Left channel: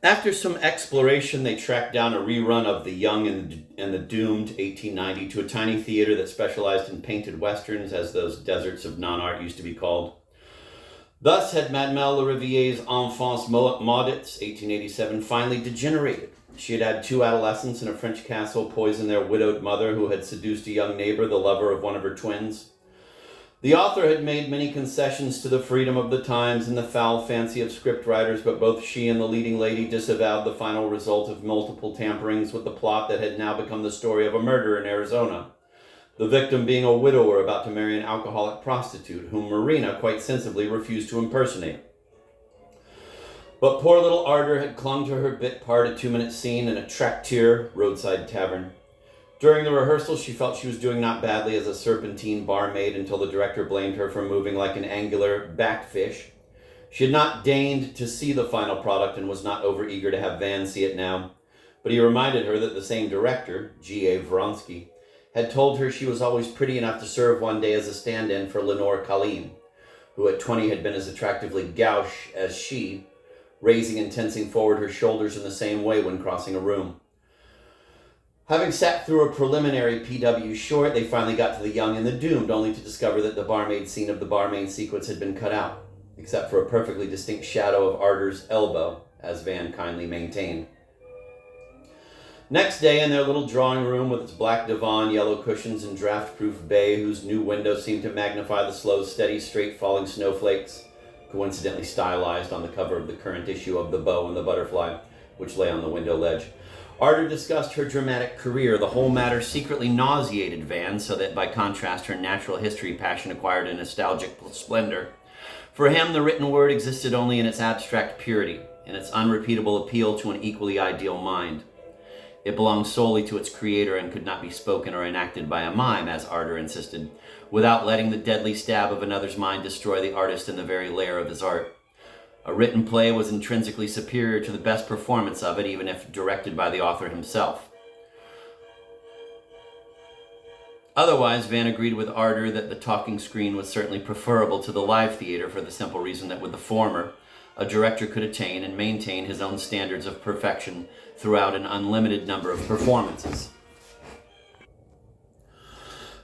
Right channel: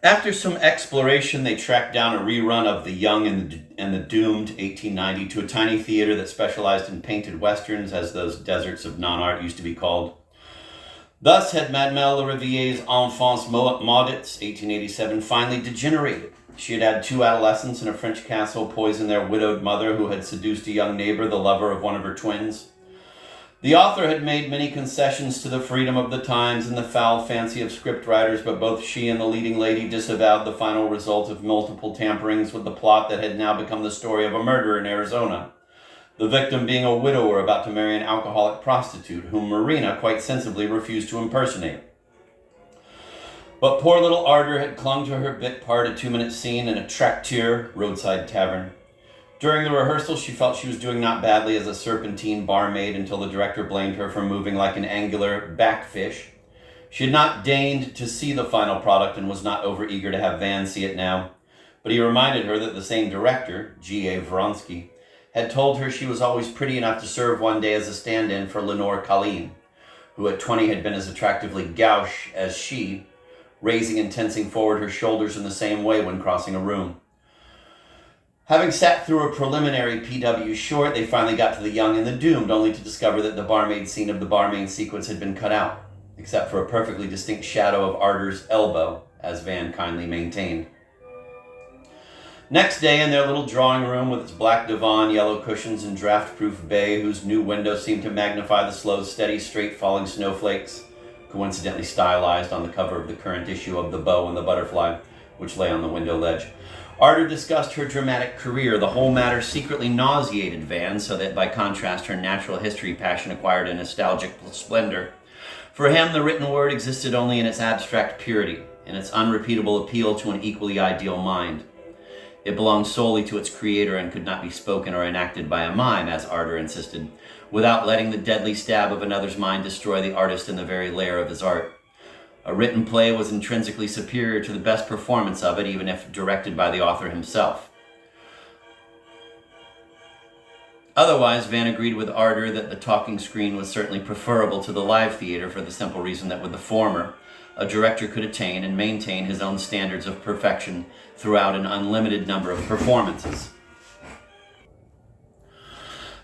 After some exploration, they tracked down a rerun of The Young and the Doomed 1890 to a tiny theater that specialized in painted westerns, as those deserts of non-art used to be called. Thus had Mademoiselle Rivier's Enfance Maudits 1887 finally degenerated. She had had two adolescents in a French castle poison their widowed mother, who had seduced a young neighbor, the lover of one of her twins. The author had made many concessions to the freedom of the times and the foul fancy of scriptwriters, but both she and the leading lady disavowed the final result of multiple tamperings with the plot that had now become the story of a murder in Arizona, the victim being a widower about to marry an alcoholic prostitute, whom Marina quite sensibly refused to impersonate. But poor little Ardor had clung to her bit part, a 2-minute scene in a traktir roadside tavern. During the rehearsal, she felt she was doing not badly as a serpentine barmaid until the director blamed her for moving like an angular backfish. She had not deigned to see the final product and was not overeager to have Van see it now. But he reminded her that the same director, G.A. Vronsky, had told her she was always pretty enough to serve one day as a stand-in for Lenore Colleen, who at 20 had been as attractively gauche as she, raising and tensing forward her shoulders in the same way when crossing a room. Having sat through a preliminary PW short, they finally got to The Young and the Doomed, only to discover that the barmaid scene of the barmaid sequence had been cut out, except for a perfectly distinct shadow of Ardor's elbow, as Van kindly maintained. Next day, in their little drawing room with its black divan, yellow cushions, and draft-proof bay, whose new window seemed to magnify the slow, steady, straight-falling snowflakes, coincidentally stylized on the cover of the current issue of The Bow and the Butterfly, which lay on the window ledge, Ardor discussed her dramatic career. The whole matter secretly nauseated Van, so that by contrast her natural history passion acquired a nostalgic splendor. For him, the written word existed only in its abstract purity, in its unrepeatable appeal to an equally ideal mind. It belonged solely to its creator and could not be spoken or enacted by a mime, as Ardor insisted, without letting the deadly stab of another's mind destroy the artist in the very lair of his art. A written play was intrinsically superior to the best performance of it, even if directed by the author himself. Otherwise, Van agreed with Ardor that the talking screen was certainly preferable to the live theater, for the simple reason that with the former, a director could attain and maintain his own standards of perfection throughout an unlimited number of performances.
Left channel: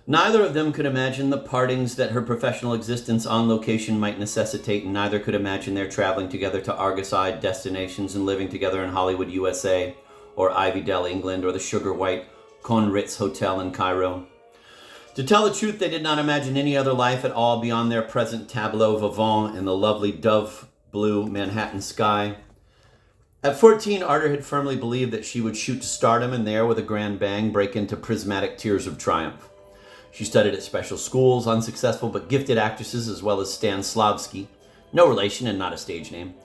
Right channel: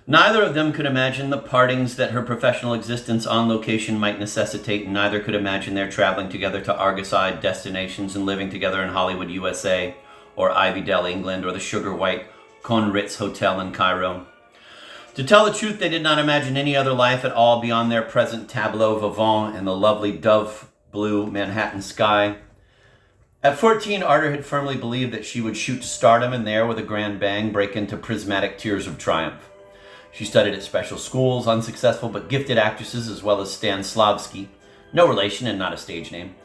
Neither of them could imagine the partings that her professional existence on location might necessitate, and neither could imagine their traveling together to Argoside destinations and living together in Hollywood, USA, or Ivydell, England, or the Sugar White Conritz Hotel in Cairo. To tell the truth, they did not imagine any other life at all beyond their present tableau vivant in the lovely dove-blue Manhattan sky. At 14, Ardor had firmly believed that she would shoot to stardom and there, with a grand bang, break into prismatic tears of triumph. She studied at special schools, unsuccessful but gifted actresses, as well as Stanislavski, no relation and not a stage name,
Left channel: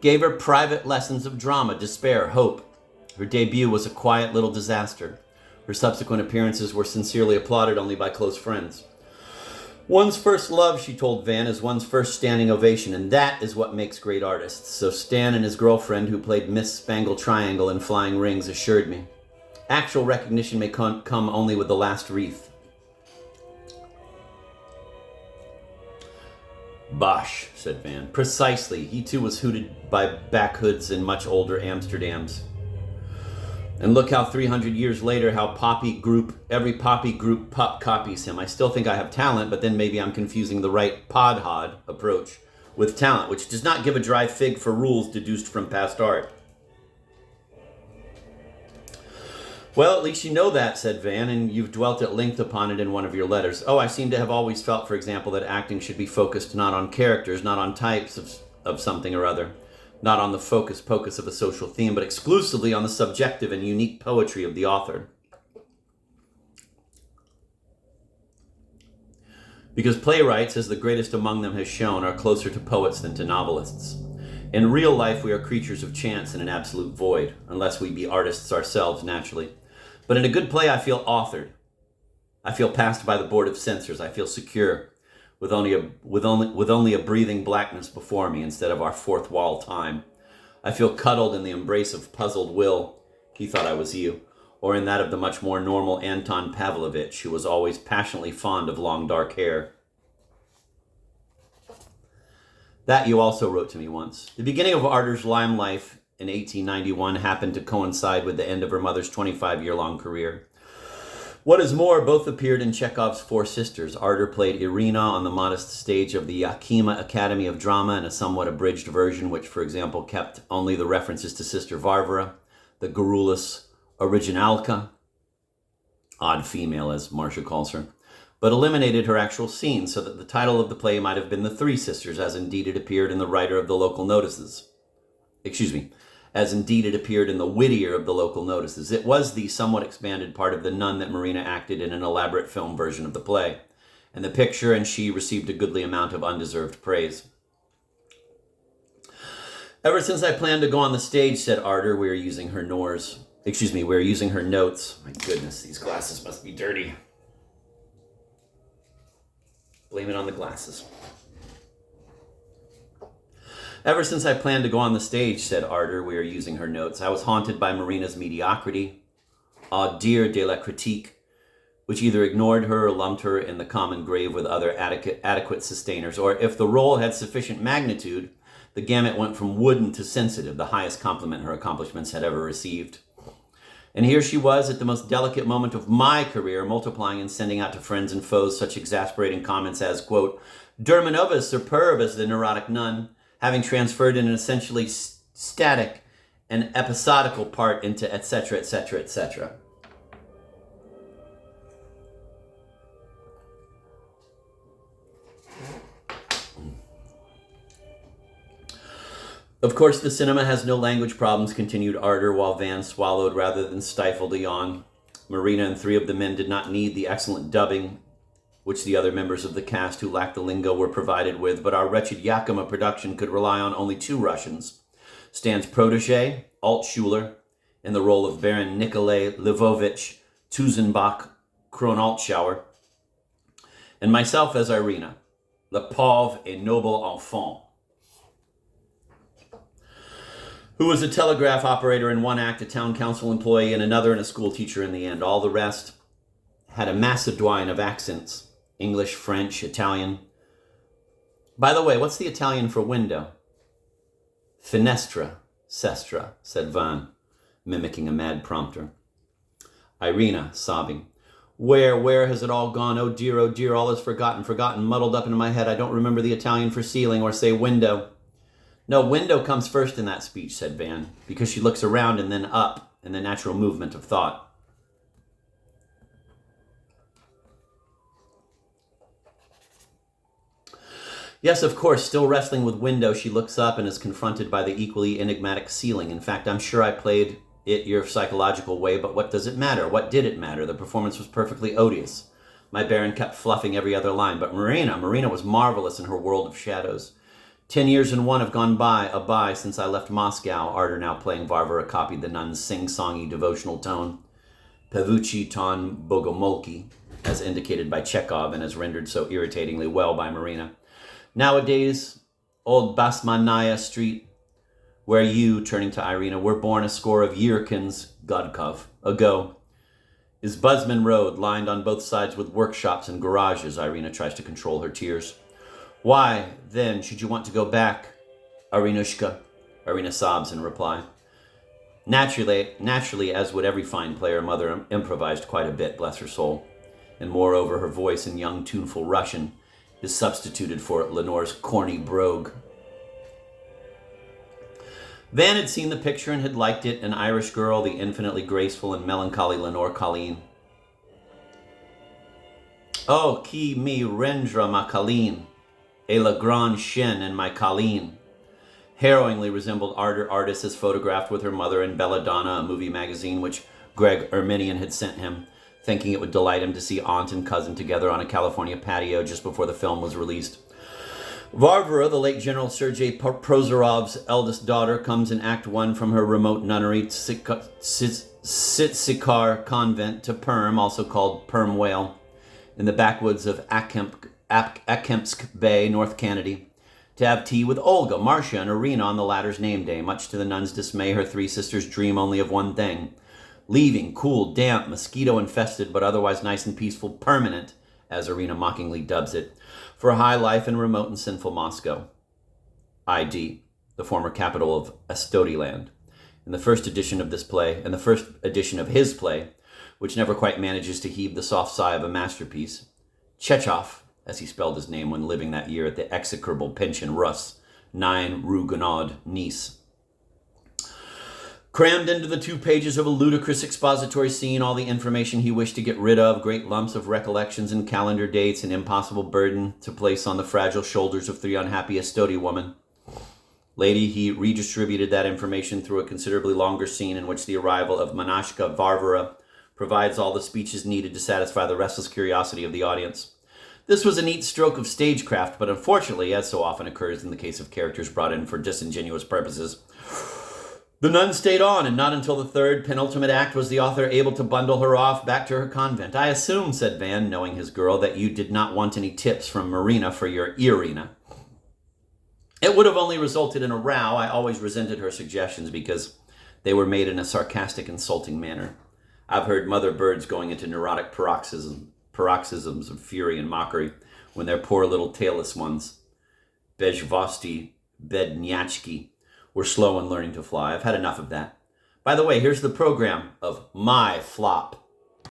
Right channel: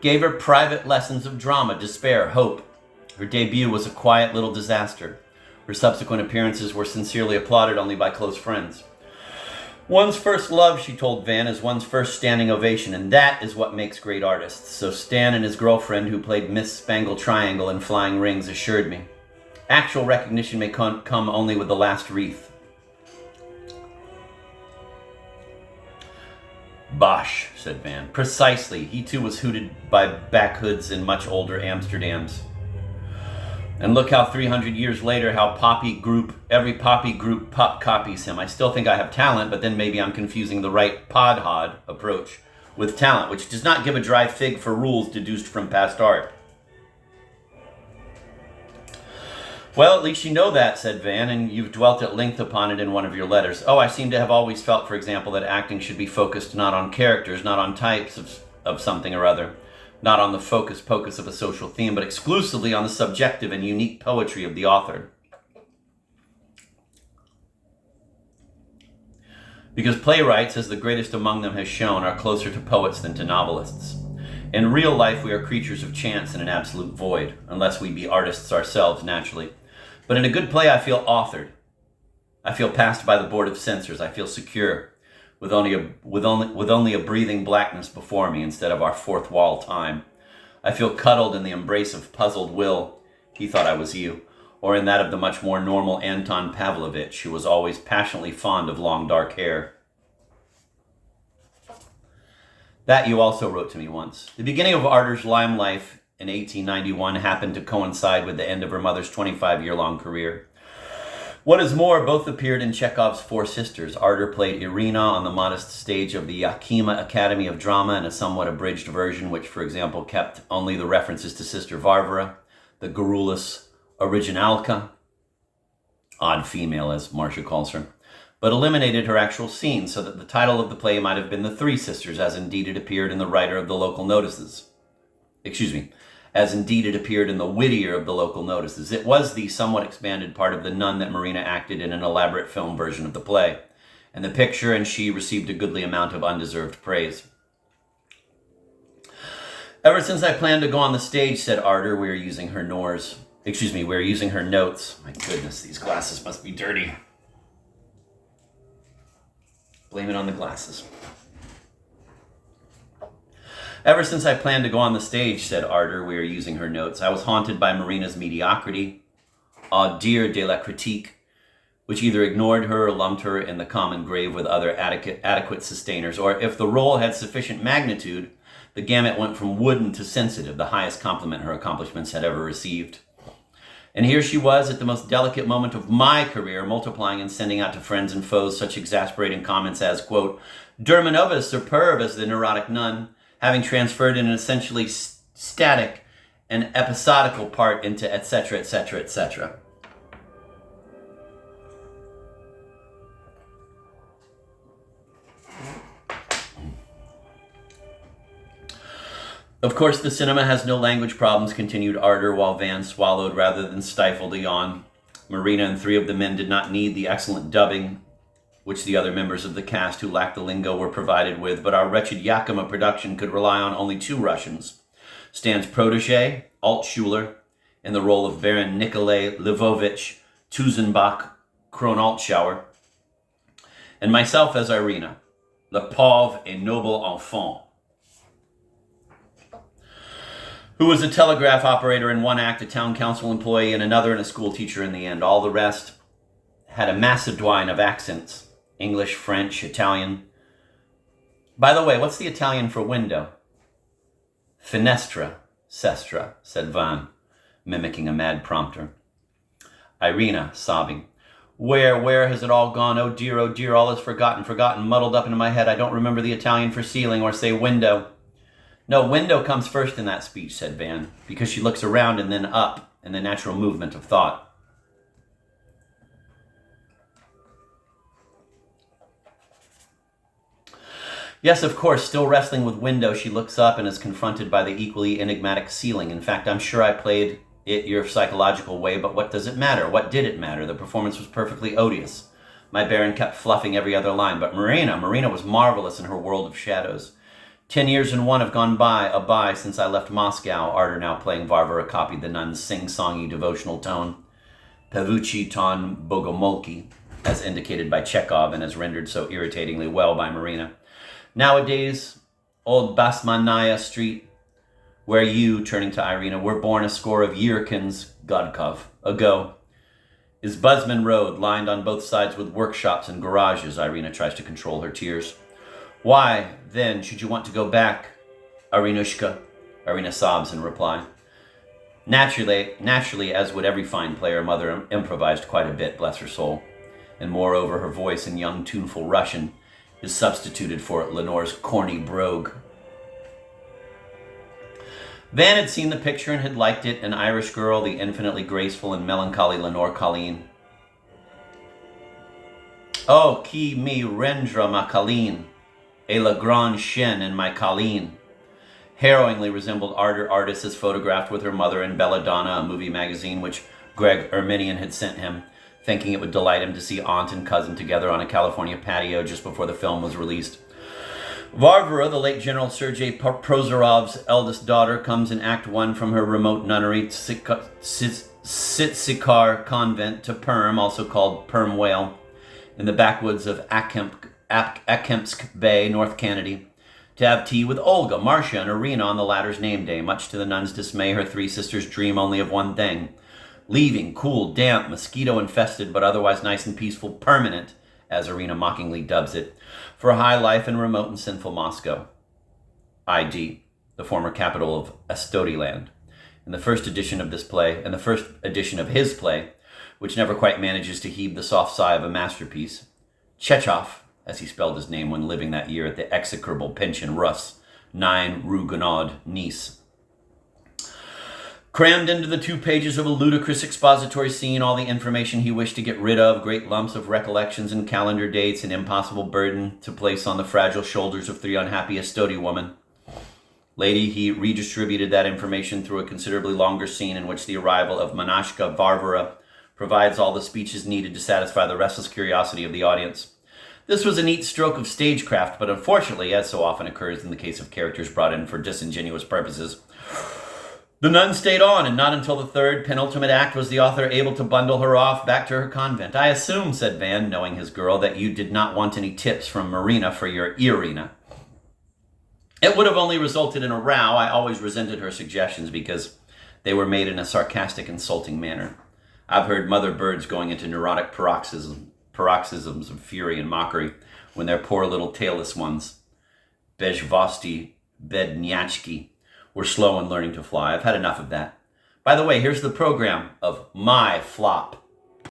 gave her private lessons of drama, despair, hope. Her debut was a quiet little disaster. Her subsequent appearances were sincerely applauded only by close friends. One's first love, she told Van, is one's first standing ovation, and that is what makes great artists, so Stan and his girlfriend, who played Miss Spangle Triangle in Flying Rings, assured me. Actual recognition may come only with the last wreath. Bosh, said Van. Precisely. He too was hooted by backhoods in much older Amsterdams. And look how 300 years later, every poppy group pup copies him. I still think I have talent, but then maybe I'm confusing the right podhod approach with talent, which does not give a dry fig for rules deduced from past art. Well, at least you know that, said Van, and you've dwelt at length upon it in one of your letters. Oh, I seem to have always felt, for example, that acting should be focused not on characters, not on types of something or other, not on the focus-pocus of a social theme, but exclusively on the subjective and unique poetry of the author. Because playwrights, as the greatest among them has shown, are closer to poets than to novelists. In real life, we are creatures of chance in an absolute void, unless we be artists ourselves naturally. But in a good play, I feel authored. I feel passed by the board of censors. I feel secure, with only a breathing blackness before me instead of our fourth wall time. I feel cuddled in the embrace of puzzled Will. He thought I was you. Or in that of the much more normal Anton Pavlovich, who was always passionately fond of long dark hair. That you also wrote to me once. The beginning of Ardor's lime life in 1891 happened to coincide with the end of her mother's 25-year-long career. What is more, both appeared in Chekhov's Four Sisters. Ardor played Irina on the modest stage of the Yakima Academy of Drama in a somewhat abridged version, which, for example, kept only the references to Sister Varvara, the garrulous originalka, odd female as Marcia calls her, but eliminated her actual scene so that the title of the play might have been The Three Sisters, as indeed it appeared in the writer of the local notices. As indeed it appeared in the wittier of the local notices. It was the somewhat expanded part of The Nun that Marina acted in an elaborate film version of the play, and the picture and she received a goodly amount of undeserved praise. Ever since I planned to go on the stage, said Ardor, we are using her notes. My goodness, these glasses must be dirty. Blame it on the glasses. Ever since I planned to go on the stage, said Ardor, we are using her notes, I was haunted by Marina's mediocrity, au dire de la critique, which either ignored her or lumped her in the common grave with other adequate sustainers, or if the role had sufficient magnitude, the gamut went from wooden to sensitive, the highest compliment her accomplishments had ever received. And here she was at the most delicate moment of my career, multiplying and sending out to friends and foes such exasperating comments as, quote, Dermanova is superb as the neurotic nun, having transferred an essentially static and episodical part into etc., etc., etc. Of course, the cinema has no language problems, continued Ardor, while Van swallowed rather than stifled a yawn. Marina and three of the men did not need the excellent dubbing which the other members of the cast who lacked the lingo were provided with, but our wretched Yakima production could rely on only two Russians. Stan's protege, Alt Schuler, in the role of Baron Nikolai Lvovich Tuzenbach Kronaltschauer, and myself as Irina, le pauvre et noble enfant, who was a telegraph operator in one act, a town council employee in another, and a school teacher in the end. All the rest had a macédoine of accents. English, French, Italian. By the way, what's the Italian for window? Finestra, sestra, said Van, mimicking a mad prompter. Irina, sobbing. Where has it all gone? Oh dear, all is forgotten, muddled up into my head. I don't remember the Italian for ceiling or say window. No, window comes first in that speech, said Van, because she looks around and then up in the natural movement of thought. Yes, of course, still wrestling with window, she looks up and is confronted by the equally enigmatic ceiling. In fact, I'm sure I played it your psychological way, but what does it matter? What did it matter? The performance was perfectly odious. My Baron kept fluffing every other line, but Marina was marvelous in her world of shadows. 10 years and one have gone by since I left Moscow. Ardor, now playing Varvara, copied the nun's sing-songy devotional tone. Pevucci ton bogomolki, as indicated by Chekhov and as rendered so irritatingly well by Marina. Nowadays, old Basmanaya Street, where you, turning to Irina, were born a score of yearkins, Godkov, ago, is Buzzman Road, lined on both sides with workshops and garages. Irina tries to control her tears. Why, then, should you want to go back, Irinushka? Irina sobs in reply. Naturally, as would every fine player, Mother improvised quite a bit, bless her soul. And moreover, her voice in young, tuneful Russian is substituted for Lenore's corny brogue. Van had seen the picture and had liked it, an Irish girl, the infinitely graceful and melancholy Lenore Colleen. Oh, qui me rendra ma Colleen, et la grande chienne and my Colleen. Harrowingly resembled Ardor Artis as photographed with her mother in Belladonna, a movie magazine which Greg Erminian had sent him, thinking it would delight him to see aunt and cousin together on a California patio just before the film was released. Varvara, the late General Sergei Prozorov's eldest daughter, comes in Act 1 from her remote nunnery Sitsikar convent to Perm, also called Perm Whale, in the backwoods of Akempsk Bay, North Kennedy, to have tea with Olga, Marcia, and Irina on the latter's name day. Much to the nun's dismay, her three sisters dream only of one thing: leaving, cool, damp, mosquito-infested, but otherwise nice and peaceful, permanent, as Irina mockingly dubs it, for a high life in remote and sinful Moscow. ID, the former capital of Estodiland. in the first edition of this play, and the first edition of his play, which never quite manages to heave the soft sigh of a masterpiece, Tchekhov, as he spelled his name when living that year at the execrable pension Russ, 9 Rue Guénaud, Nice. Crammed into the 2 pages of a ludicrous expository scene all the information he wished to get rid of, great lumps of recollections and calendar dates, an impossible burden to place on the fragile shoulders of 3 unhappy Estodi women. Later, he redistributed that information through a considerably longer scene in which the arrival of Manashka Varvara provides all the speeches needed to satisfy the restless curiosity of the audience. This was a neat stroke of stagecraft, but unfortunately, as so often occurs in the case of characters brought in for disingenuous purposes, the nun stayed on, and not until the 3rd, penultimate act was the author able to bundle her off back to her convent. "I assume," said Van, knowing his girl, "that you did not want any tips from Marina for your Irina." It would have only resulted in a row. I always resented her suggestions because they were made in a sarcastic, insulting manner. I've heard mother birds going into neurotic paroxysms of fury and mockery when their poor little tailless ones, Bezhvosti, Bednyachki, were slow in learning to fly. I've had enough of that. By the way, here's the program of my flop.